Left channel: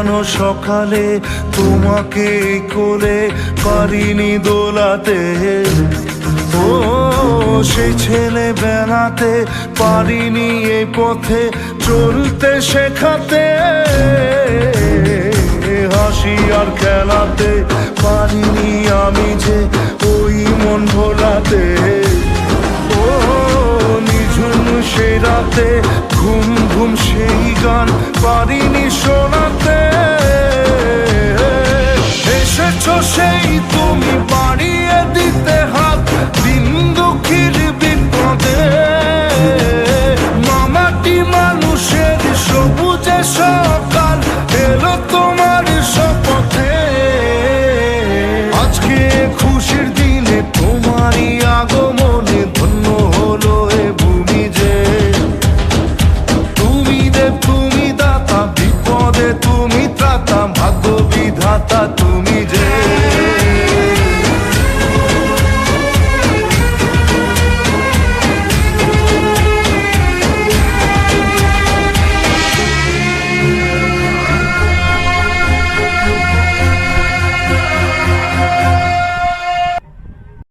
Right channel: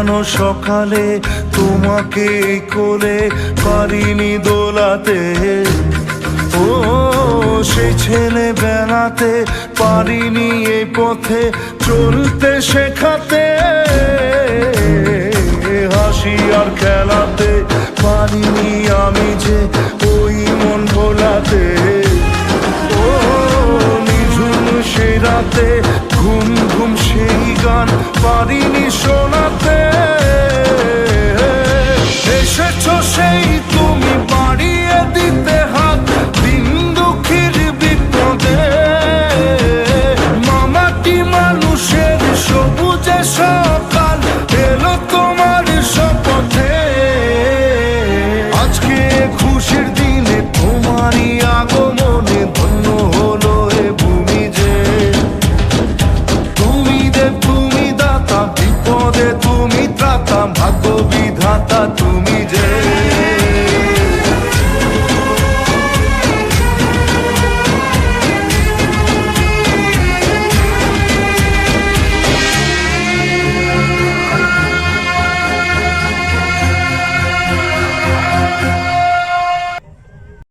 সাজানো সকালে তোমাকে কোলে পারিনি দোলাতে, ও সেই ছেলে বেলাতে পারিনি এই পথে চলতে শেখাতে, হাসি আর খেলাতে পারিনি আমি যে ওই মন ভোলাতে, ও নিঝুম সেই রাতে ঘুম ঘুম সেই গান পারিনি শোনাতে, এসেছো সেই তুমি বাড়িয়ে দিতে হাত দিন দুঃখীর বিপদে, মামাটি মানুষের সবুজে সকাল এলো তোমার শপথে, আজকে খুশির দিনে তোমারই আগমনে ধন্য হলো এ ভূমি যে, তুমি দেব তুমি দাতা বিপদে তুমি ত্রাতা ভাগ্য বিধাতা তুমি যে।